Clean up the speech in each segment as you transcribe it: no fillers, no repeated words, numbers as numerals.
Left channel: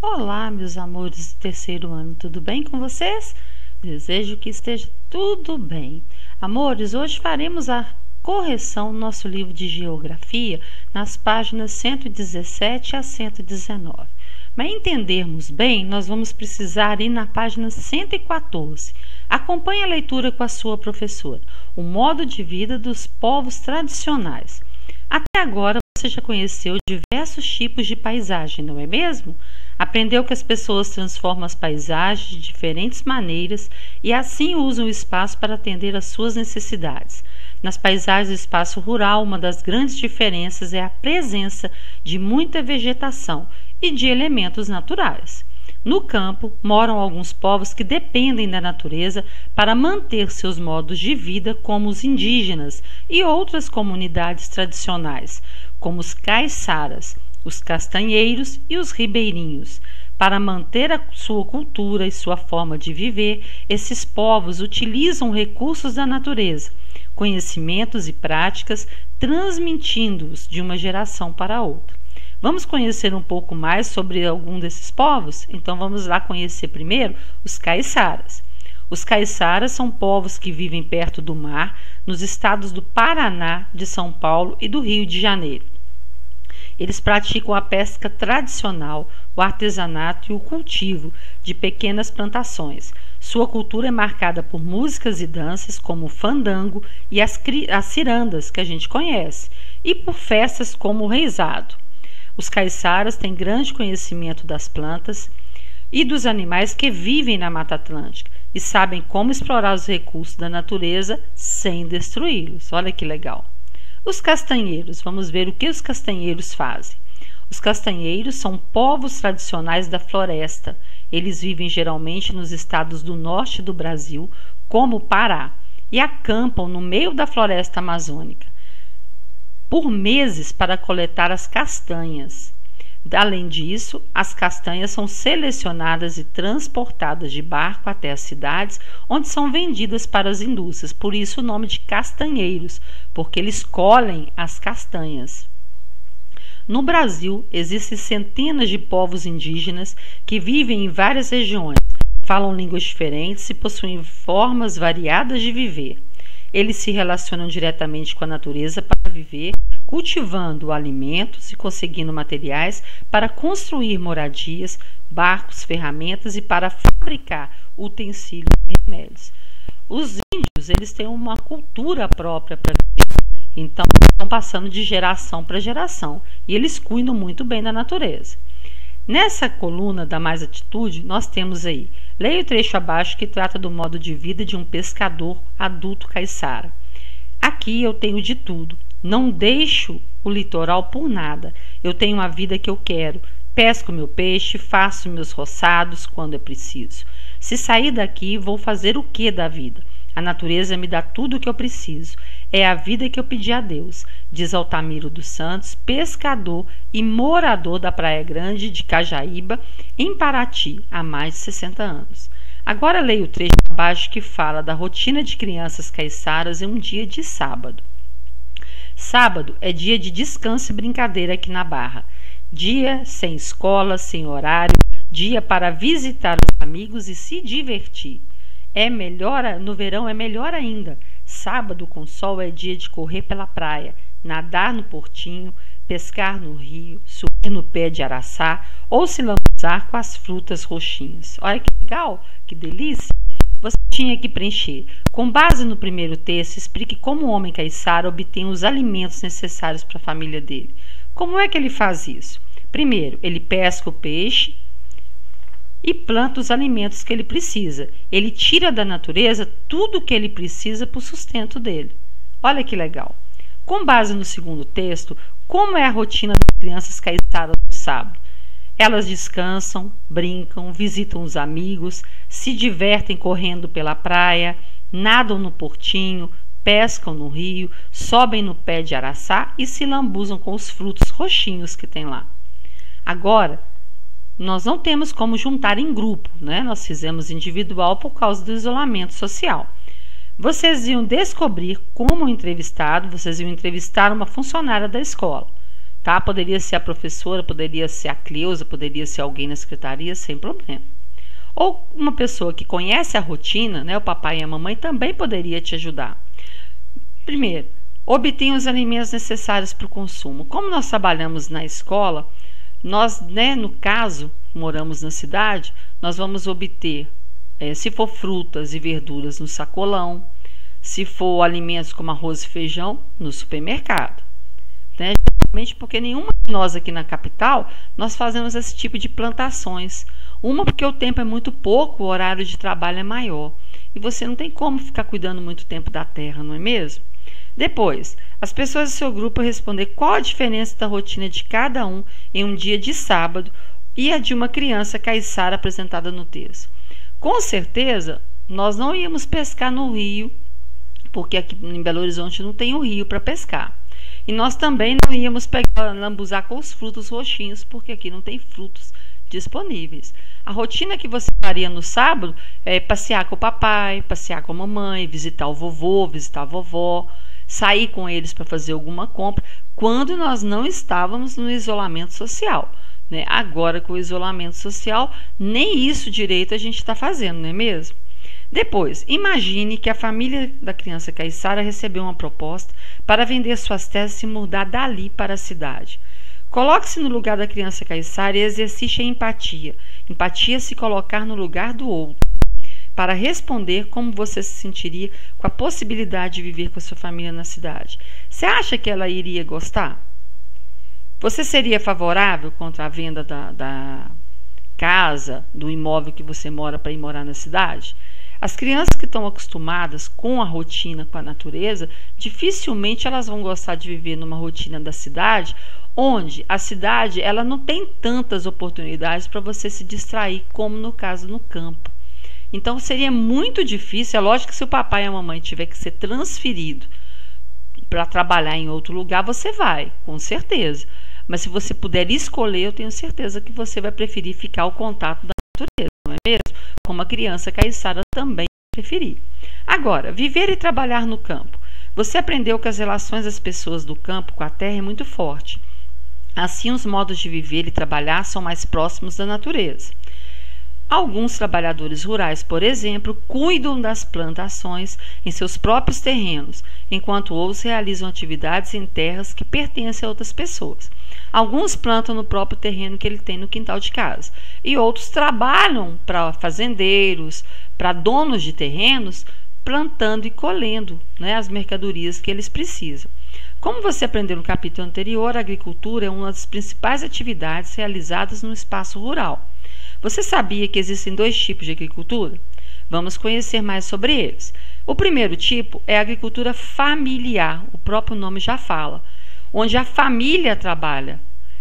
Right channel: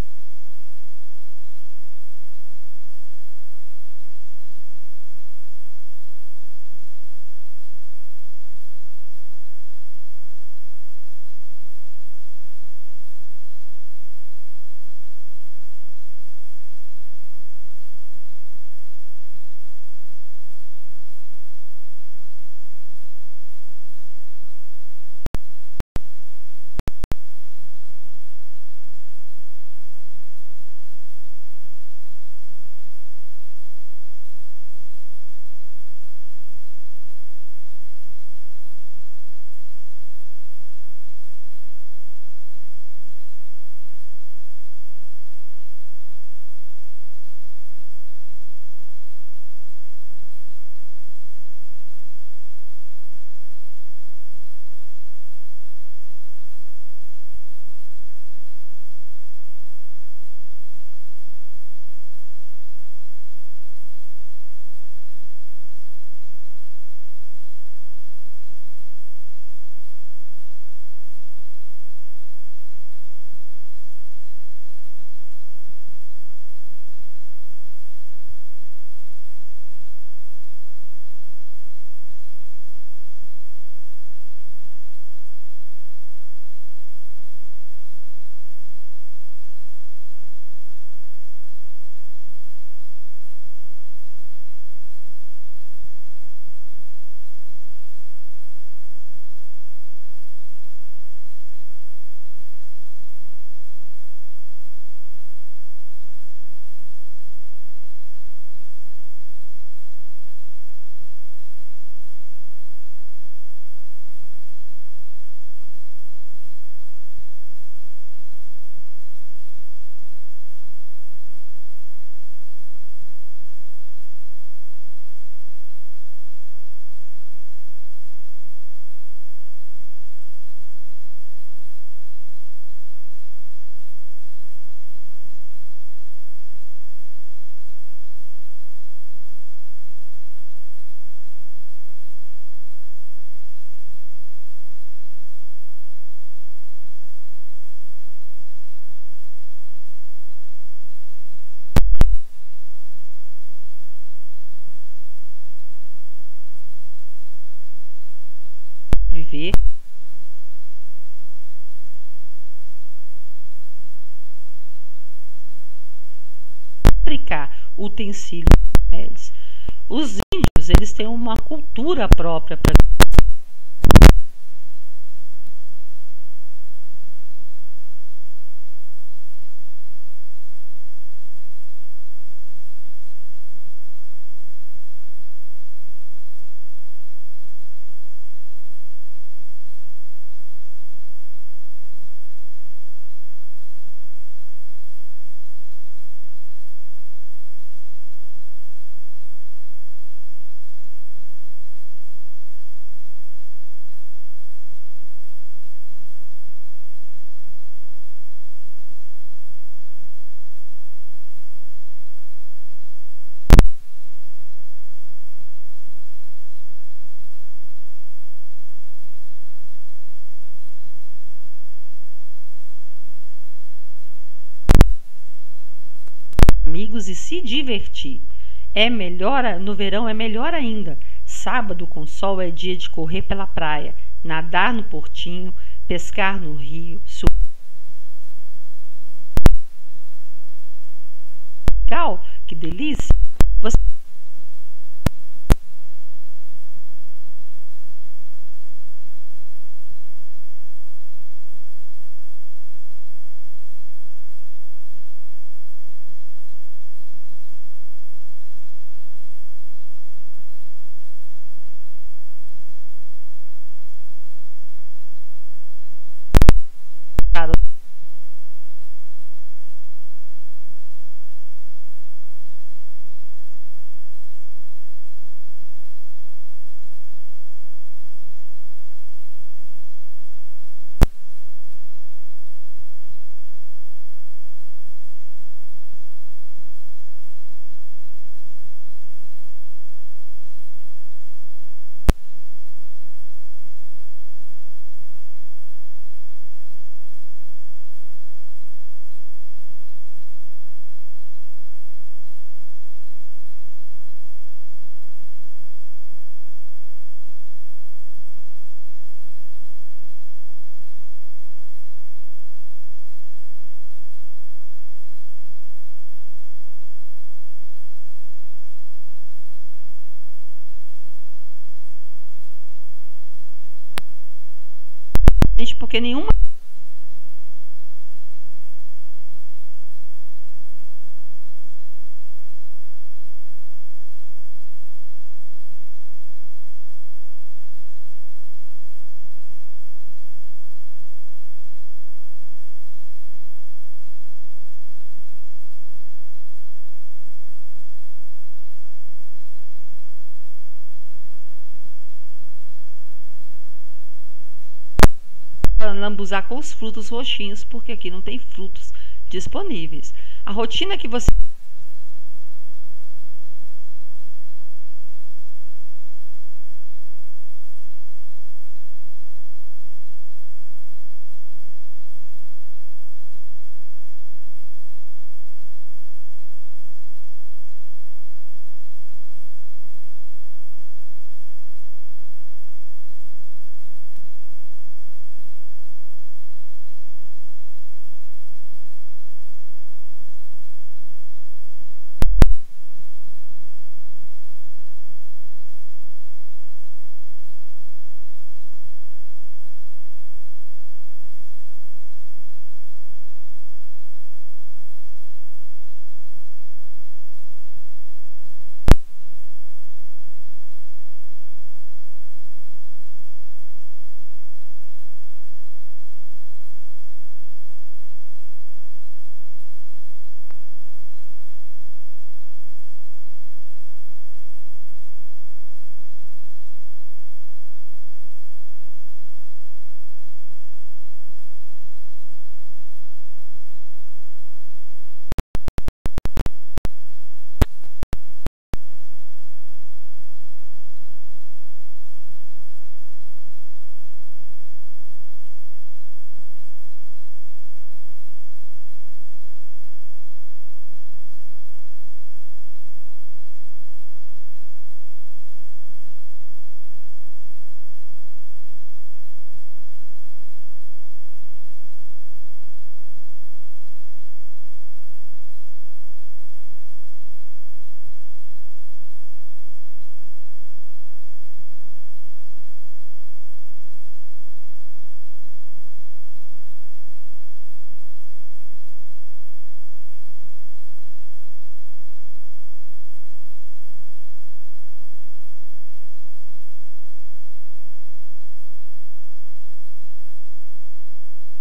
Olá, meus amores do terceiro ano, tudo bem com vocês? Desejo que esteja tudo bem. Amores, hoje faremos a correção do nosso livro de geografia nas páginas 117 a 119. Para entendermos bem, nós vamos precisar ir na página 114. Acompanhe a leitura com a sua professora. O modo de vida dos povos tradicionais. Até agora você já conheceu diversos tipos de paisagem, não é mesmo? Aprendeu que as pessoas transformam as paisagens de diferentes maneiras e assim usam o espaço para atender às suas necessidades. Nas paisagens do espaço rural, uma das grandes diferenças é a presença de muita vegetação e de elementos naturais. No campo, moram alguns povos que dependem da natureza para manter seus modos de vida, como os indígenas e outras comunidades tradicionais, como os caiçaras, os castanheiros e os ribeirinhos. Para manter a sua cultura e sua forma de viver, esses povos utilizam recursos da natureza, conhecimentos e práticas, transmitindo-os de uma geração para outra. Vamos conhecer um pouco mais sobre algum desses povos? Então vamos lá conhecer primeiro os caiçaras. Os caiçaras são povos que vivem perto do mar, nos estados do Paraná, de São Paulo e do Rio de Janeiro. Eles praticam a pesca tradicional, o artesanato e o cultivo de pequenas plantações. Sua cultura é marcada por músicas e danças como o fandango e as cirandas, que a gente conhece, e por festas como o reizado. Os caiçaras têm grande conhecimento das plantas e dos animais que vivem na Mata Atlântica e sabem como explorar os recursos da natureza sem destruí-los. Olha que legal! Os castanheiros, vamos ver o que os castanheiros fazem. Os castanheiros são povos tradicionais da floresta. Eles vivem geralmente nos estados do norte do Brasil, como o Pará, e acampam no meio da floresta amazônica por meses para coletar as castanhas. Além disso, as castanhas são selecionadas e transportadas de barco até as cidades, onde são vendidas para as indústrias. Por isso o nome de castanheiros, porque eles colhem as castanhas. No Brasil, existem centenas de povos indígenas que vivem em várias regiões, falam línguas diferentes e possuem formas variadas de viver. Eles se relacionam diretamente com a natureza para viver, cultivando alimentos e conseguindo materiais para construir moradias, barcos, ferramentas e para fabricar utensílios e remédios. Os índios, eles têm uma cultura própria para viver, então estão passando de geração para geração e eles cuidam muito bem da natureza. Nessa coluna da Mais Atitude, nós temos aí, leia o trecho abaixo que trata do modo de vida de um pescador adulto caiçara. Aqui eu tenho de tudo. Não deixo o litoral por nada. Eu tenho uma vida que eu quero. Pesco meu peixe, faço meus roçados quando é preciso. Se sair daqui, vou fazer o que da vida? A natureza me dá tudo o que eu preciso. É a vida que eu pedi a Deus, diz Altamiro dos Santos, pescador e morador da Praia Grande de Cajaíba, em Paraty, há mais de 60 anos. Agora leio o trecho abaixo que fala da rotina de crianças caiçaras em um dia de sábado. Sábado é dia de descanso e brincadeira aqui na Barra. Dia sem escola, sem horário, dia para visitar os amigos e se divertir. No verão é melhor ainda. Sábado com sol é dia de correr pela praia, nadar no portinho, pescar no rio, subir no pé de araçá ou se lambuzar com as frutas roxinhas. Olha que legal, que delícia! Você tinha que preencher. Com base no primeiro texto, explique como o homem caiçara obtém os alimentos necessários para a família dele. Como é que ele faz isso? Primeiro, ele pesca o peixe e planta os alimentos que ele precisa. Ele tira da natureza tudo o que ele precisa para o sustento dele. Olha que legal. Com base no segundo texto, como é a rotina das crianças caiçaras no sábado? Elas descansam, brincam, visitam os amigos, se divertem correndo pela praia, nadam no portinho, pescam no rio, sobem no pé de araçá e se lambuzam com os frutos roxinhos que tem lá. Agora, nós não temos como juntar em grupo, né? Nós fizemos individual por causa do isolamento social. Vocês iam descobrir como o entrevistado, vocês iam entrevistar uma funcionária da escola. tá? Poderia ser a professora, poderia ser a Cleusa, poderia ser alguém na secretaria, sem problema. Ou uma pessoa que conhece a rotina, né, o papai e a mamãe, também poderia te ajudar. Primeiro, obtenha os alimentos necessários para o consumo. Como nós trabalhamos na escola, nós, né, no caso, moramos na cidade, nós vamos obter, se for frutas e verduras, no sacolão, se for alimentos como arroz e feijão, no supermercado. Né? Geralmente porque nenhuma de nós aqui na capital, nós fazemos esse tipo de plantações. Uma porque o tempo é muito pouco, o horário de trabalho é maior. E você não tem como ficar cuidando muito tempo da terra, não é mesmo? Depois, as pessoas do seu grupo responder qual a diferença da rotina de cada um em um dia de sábado e a de uma criança caiçara apresentada no texto. Com certeza, nós não íamos pescar no rio, porque aqui em Belo Horizonte não tem o rio para pescar. E nós também não íamos lambuzar com os frutos roxinhos, porque aqui não tem frutos disponíveis. A rotina que você faria no sábado é passear com o papai, passear com a mamãe, visitar o vovô, visitar a vovó, sair com eles para fazer alguma compra, quando nós não estávamos no isolamento social. Né? Agora, com o isolamento social, nem isso direito a gente está fazendo, não é mesmo? Depois, imagine que a família da criança caiçara recebeu uma proposta para vender suas terras e se mudar dali para a cidade. Coloque-se no lugar da criança caiçara e exercite a empatia. Empatia é se colocar no lugar do outro, para responder como você se sentiria com a possibilidade de viver com a sua família na cidade. Você acha que ela iria gostar? Você seria favorável contra a venda da casa, do imóvel que você mora para ir morar na cidade? As crianças que estão acostumadas com a rotina, com a natureza, dificilmente elas vão gostar de viver numa rotina da cidade, onde a cidade ela não tem tantas oportunidades para você se distrair como no caso no campo. Então seria muito difícil, é lógico que se o papai e a mamãe tiver que ser transferido para trabalhar em outro lugar, você vai, com certeza. Mas se você puder escolher, eu tenho certeza que você vai preferir ficar ao contato da natureza, não é mesmo? Como a criança caiçara também preferir. Agora, viver e trabalhar no campo. Você aprendeu que as relações das pessoas do campo com a terra é muito forte. Assim, os modos de viver e trabalhar são mais próximos da natureza. Alguns trabalhadores rurais, por exemplo, cuidam das plantações em seus próprios terrenos, enquanto outros realizam atividades em terras que pertencem a outras pessoas. Alguns plantam no próprio terreno que ele tem no quintal de casa, e outros trabalham para fazendeiros, para donos de terrenos, plantando e colhendo, né, as mercadorias que eles precisam. Como você aprendeu no capítulo anterior, a agricultura é uma das principais atividades realizadas no espaço rural. Você sabia que existem 2 tipos de agricultura? Vamos conhecer mais sobre eles. O primeiro tipo é a agricultura familiar, o próprio nome já fala, onde a família trabalha.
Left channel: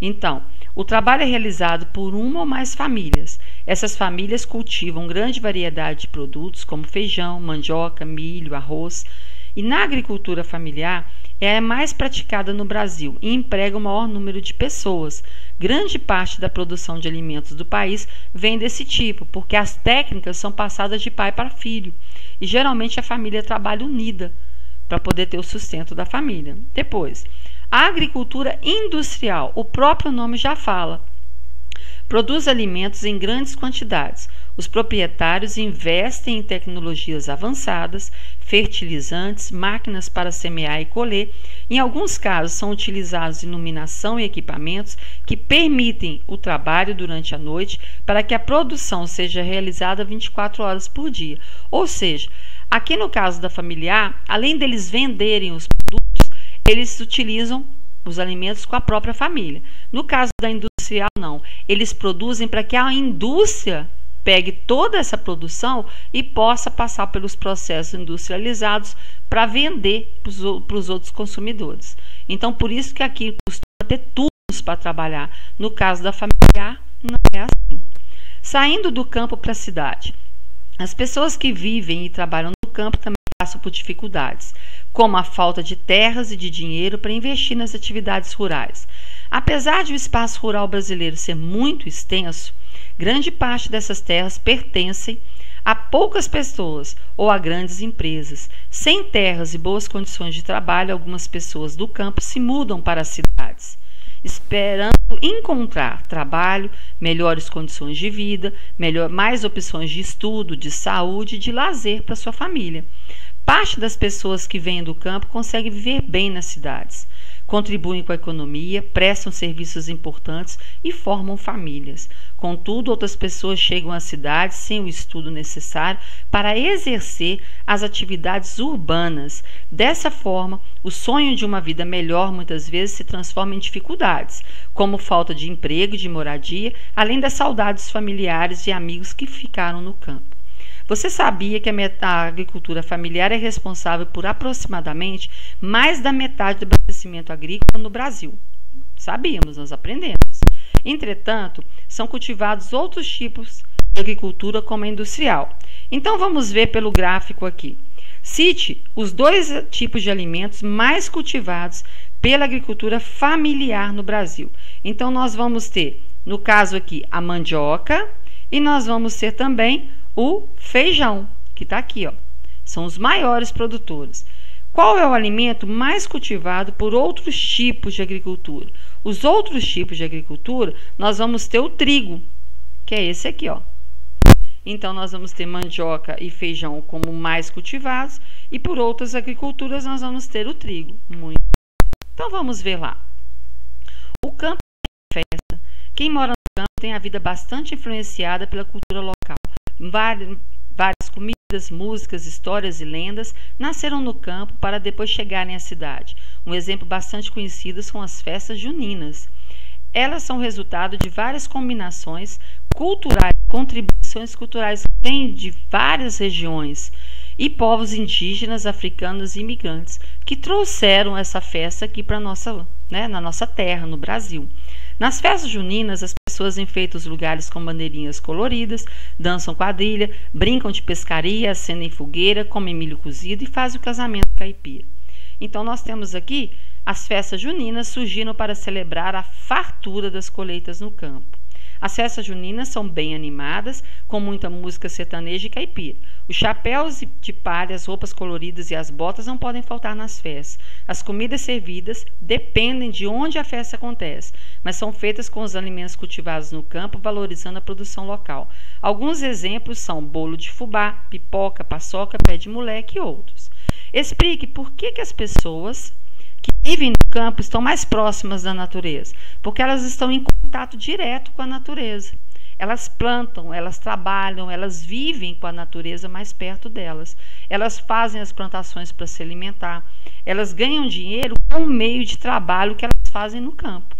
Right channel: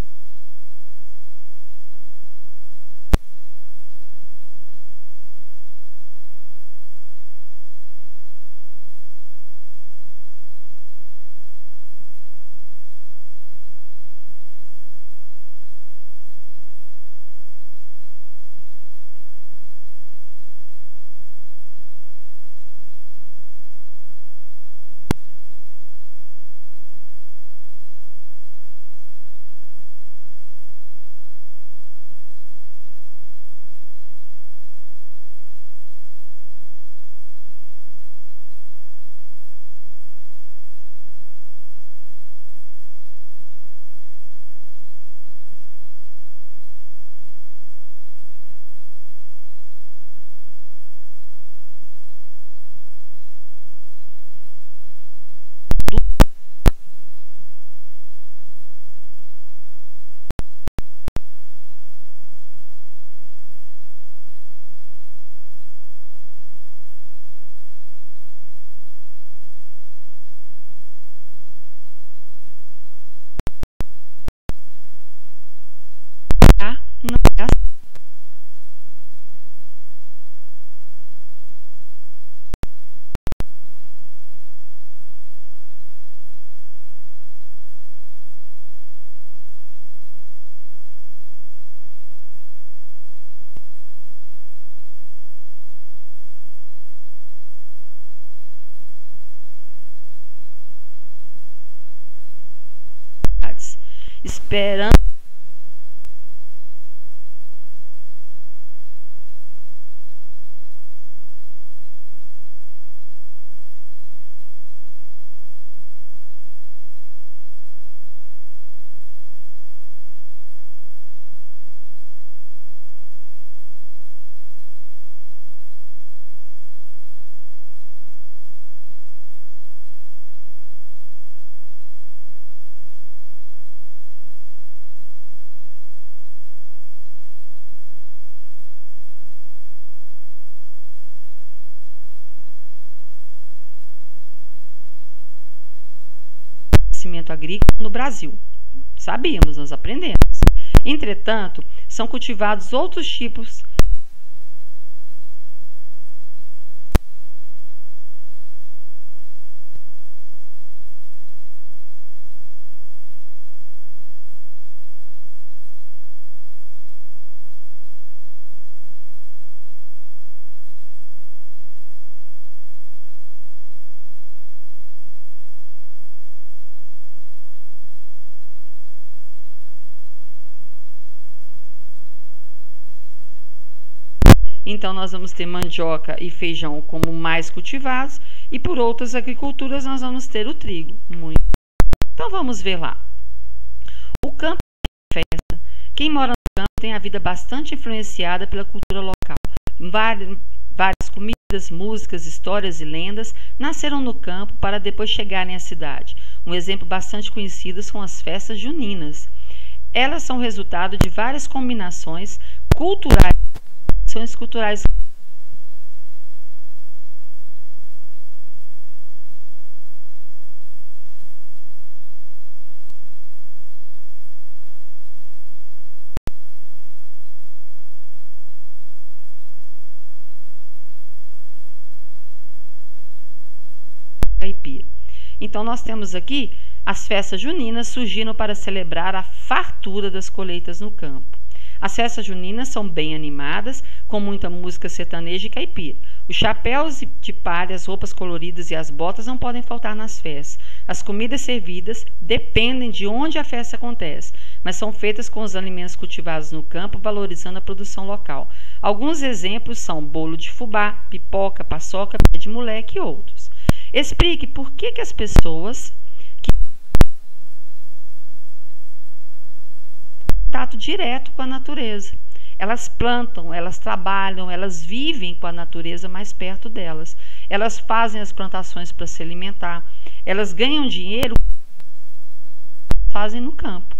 Então, o trabalho é realizado por uma ou mais famílias. Essas famílias cultivam grande variedade de produtos, como feijão, mandioca, milho, arroz. E na agricultura familiar, é a mais praticada no Brasil e emprega o maior número de pessoas. Grande parte da produção de alimentos do país vem desse tipo, porque as técnicas são passadas de pai para filho. E geralmente a família trabalha unida para poder ter o sustento da família. Depois, a agricultura industrial, o próprio nome já fala, produz alimentos em grandes quantidades. Os proprietários investem em tecnologias avançadas, fertilizantes, máquinas para semear e colher. Em alguns casos, são utilizados iluminação e equipamentos que permitem o trabalho durante a noite para que a produção seja realizada 24 horas por dia. Ou seja, aqui no caso da familiar, além deles venderem os produtos, eles utilizam os alimentos com a própria família. No caso da industrial, não. Eles produzem para que a indústria pegue toda essa produção e possa passar pelos processos industrializados para vender para os outros consumidores. Então, por isso que aqui costuma ter turnos para trabalhar. No caso da familiar, não é assim. Saindo do campo para a cidade. As pessoas que vivem e trabalham no campo também passam por dificuldades, como a falta de terras e de dinheiro para investir nas atividades rurais. Apesar de o espaço rural brasileiro ser muito extenso, grande parte dessas terras pertencem a poucas pessoas ou a grandes empresas. Sem terras e boas condições de trabalho, algumas pessoas do campo se mudam para as cidades. esperando encontrar trabalho, melhores condições de vida, mais opções de estudo, de saúde e de lazer para sua família. Parte das pessoas que vêm do campo conseguem viver bem nas cidades, contribuem com a economia, prestam serviços importantes e formam famílias. Contudo, outras pessoas chegam às cidades sem o estudo necessário para exercer as atividades urbanas. Dessa forma, o sonho de uma vida melhor muitas vezes se transforma em dificuldades, como falta de emprego e de moradia, além das saudades familiares e amigos que ficaram no campo. Você sabia que a agricultura familiar é responsável por aproximadamente mais da metade do abastecimento agrícola no Brasil? Sabíamos, nós aprendemos. Entretanto, são cultivados outros tipos de agricultura como a industrial. Então vamos ver pelo gráfico aqui. Cite os 2 tipos de alimentos mais cultivados pela agricultura familiar no Brasil. Então nós vamos ter, no caso aqui, a mandioca e nós vamos ter também o feijão, que está aqui, ó. São os maiores produtores. Qual é o alimento mais cultivado por outros tipos de agricultura? Os outros tipos de agricultura, nós vamos ter o trigo, que é esse aqui, ó. Então, nós vamos ter mandioca e feijão como mais cultivados, e por outras agriculturas nós vamos ter o trigo. Então, vamos ver lá. O campo é festa. Quem mora no campo tem a vida bastante influenciada pela cultura local. Várias comidas, músicas, histórias e lendas nasceram no campo para depois chegarem à cidade. Um exemplo bastante conhecido são as festas juninas. Elas são resultado de várias combinações culturais, contribuições culturais que vêm de várias regiões e povos indígenas, africanos e imigrantes que trouxeram essa festa aqui para na nossa terra, no Brasil. Nas festas juninas, as pessoas enfeitam os lugares com bandeirinhas coloridas, dançam quadrilha, brincam de pescaria, acendem fogueira, comem milho cozido e fazem o casamento caipira. Então, nós temos aqui as festas juninas surgiram para celebrar a fartura das colheitas no campo. As festas juninas são bem animadas, com muita música sertaneja e caipira. Os chapéus de palha, as roupas coloridas e as botas não podem faltar nas festas. As comidas servidas dependem de onde a festa acontece, mas são feitas com os alimentos cultivados no campo, valorizando a produção local. Alguns exemplos são bolo de fubá, pipoca, paçoca, pé de moleque e outros. Explique por que as pessoas que vivem no campo estão mais próximas da natureza, porque elas estão em contato direto com a natureza. Elas plantam, elas trabalham, elas vivem com a natureza mais perto delas. Elas fazem as plantações para se alimentar. Elas ganham dinheiro com o meio de trabalho que elas fazem no campo.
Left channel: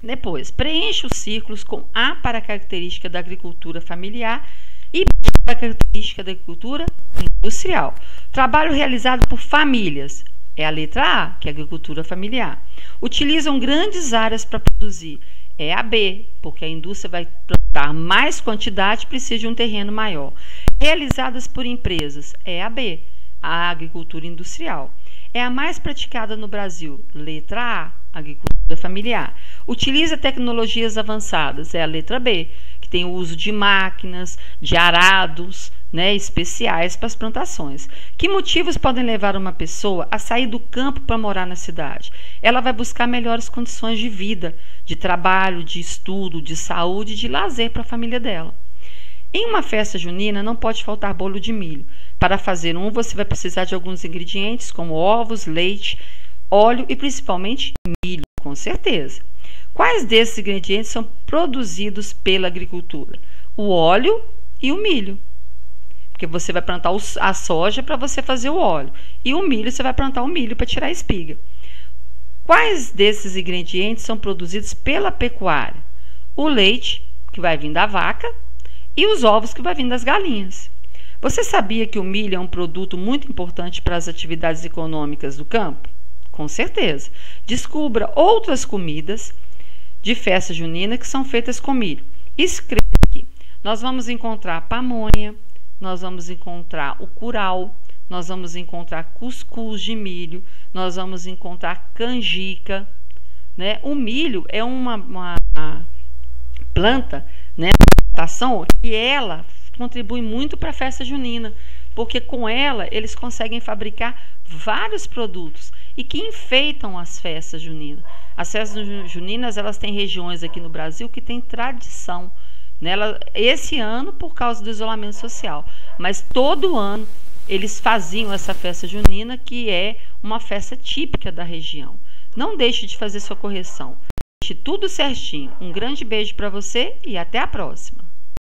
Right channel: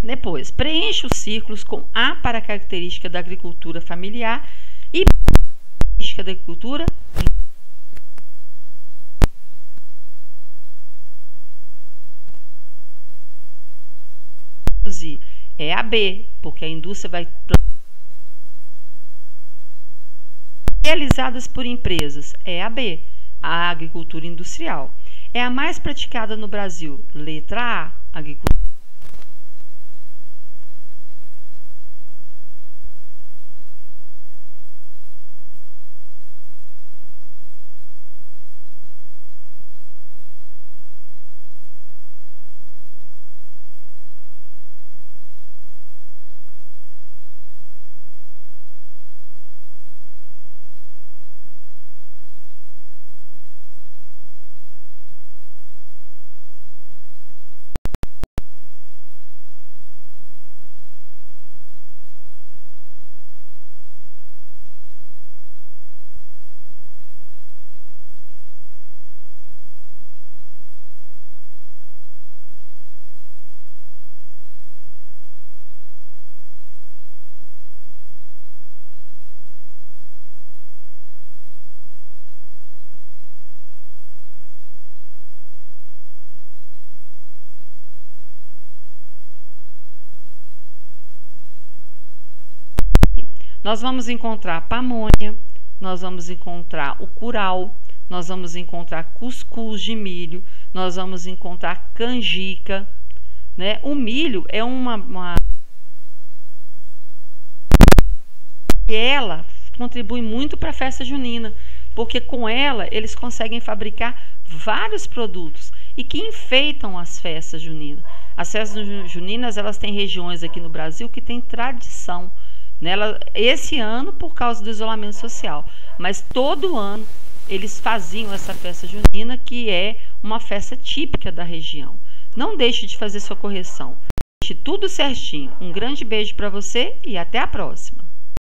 Depois, preencha os círculos com A para a característica da agricultura familiar e B para a característica da agricultura industrial. Trabalho realizado por famílias é a letra A, que é a agricultura familiar. Utilizam grandes áreas para produzir. É a B, porque a indústria vai plantar mais quantidade e precisa de um terreno maior. Realizadas por empresas. É a B, a agricultura industrial. É a mais praticada no Brasil. Letra A, agricultura familiar. Utiliza tecnologias avançadas. É a letra B, que tem o uso de máquinas, de arados, especiais para as plantações. Que motivos podem levar uma pessoa a sair do campo para morar na cidade? Ela vai buscar melhores condições de vida, de trabalho, de estudo, de saúde e de lazer para a família dela. Em uma festa junina não pode faltar bolo de milho. Para fazer você vai precisar de alguns ingredientes como ovos, leite, óleo e principalmente milho, com certeza. Quais desses ingredientes são produzidos pela agricultura? O óleo e o milho. Porque você vai plantar a soja para você fazer o óleo. E o milho, você vai plantar o milho para tirar a espiga. Quais desses ingredientes são produzidos pela pecuária? O leite, que vai vir da vaca, e os ovos, que vai vir das galinhas. Você sabia que o milho é um produto muito importante para as atividades econômicas do campo? Com certeza. Descubra outras comidas de festa junina que são feitas com milho. Escreva aqui. Nós vamos encontrar pamonha, nós vamos encontrar o curau, nós vamos encontrar cuscuz de milho, nós vamos encontrar canjica. O milho é uma planta, plantação, que ela contribui muito para a festa junina, porque com ela eles conseguem fabricar vários produtos e que enfeitam as festas juninas. As festas juninas, elas têm regiões aqui no Brasil que têm tradição nela, esse ano por causa do isolamento social, mas todo ano eles faziam essa festa junina, que é uma festa típica da região. Não deixe de fazer sua correção. Deixe tudo certinho. Um grande beijo para você e até a próxima.